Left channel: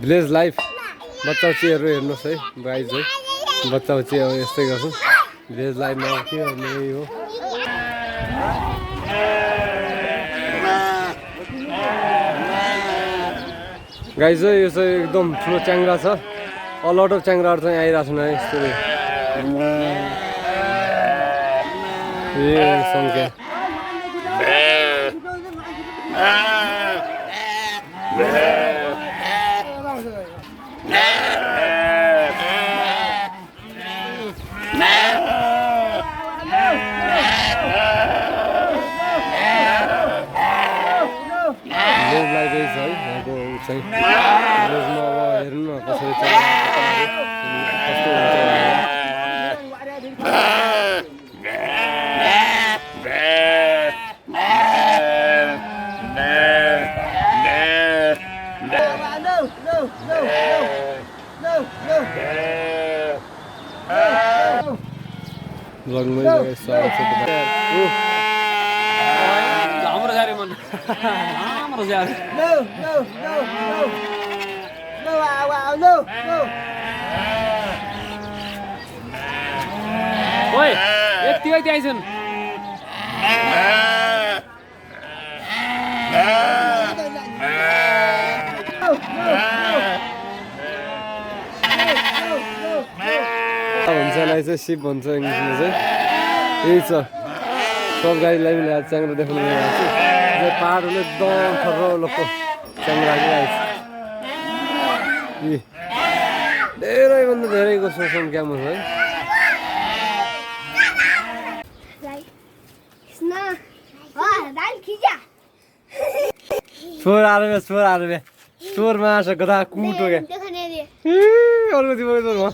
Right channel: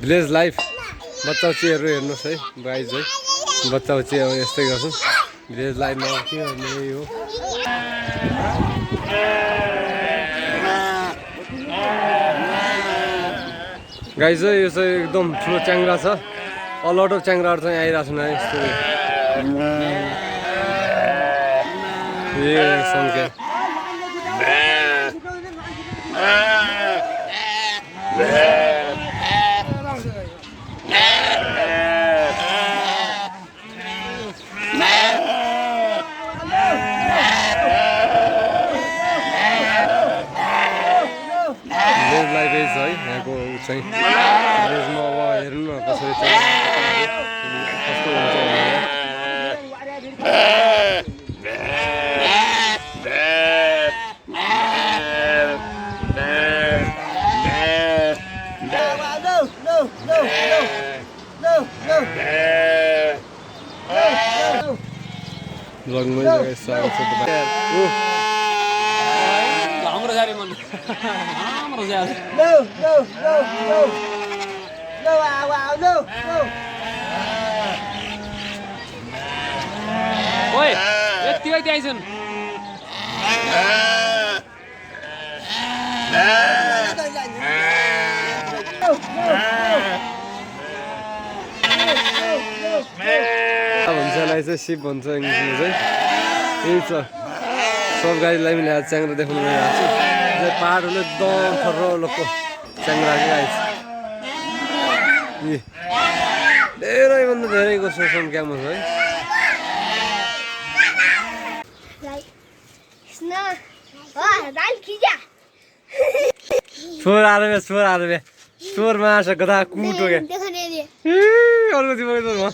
Village life बच्चाउचीहरु हेर्नुस् है guys है बच्चाउची अब यस्तै गर्छन् village life मा के गर्ने हो गाइज यो चाहिँ एकदम ठुलो च्याङ्ग्रा छ अलट अफ च्याङ्ग्राहरु चाहिँ आइराछन् है यस्तो ए संख्या village life is है यहाँको चाहिँ भिलेजमा अब हेर्नु न कसरी चाहिँ कस्तो हुन्छ भनेर vlogमै जग्गा स्वागत छ तपाईहरु हाम्रो जारे मन हाम्रो जारे नो ओइ यति यति आइछन् भन्छलाई चाहिँ सिप भन्छ इङ्ग्लिसमा चाहिँ यही छ सब गाडीलाई पनि ल्याएर च्याङ्ग्रा देखाउनु गइरहेको छु पाहाडहरूले एकदम ठर्रलको च्याङ्ग्रा आइरहेको छ धेरैभन्दा धेरैको छ सङ्ख्यामा है छोर आएर छोरमा आएको गदा कुटो क्या अर्को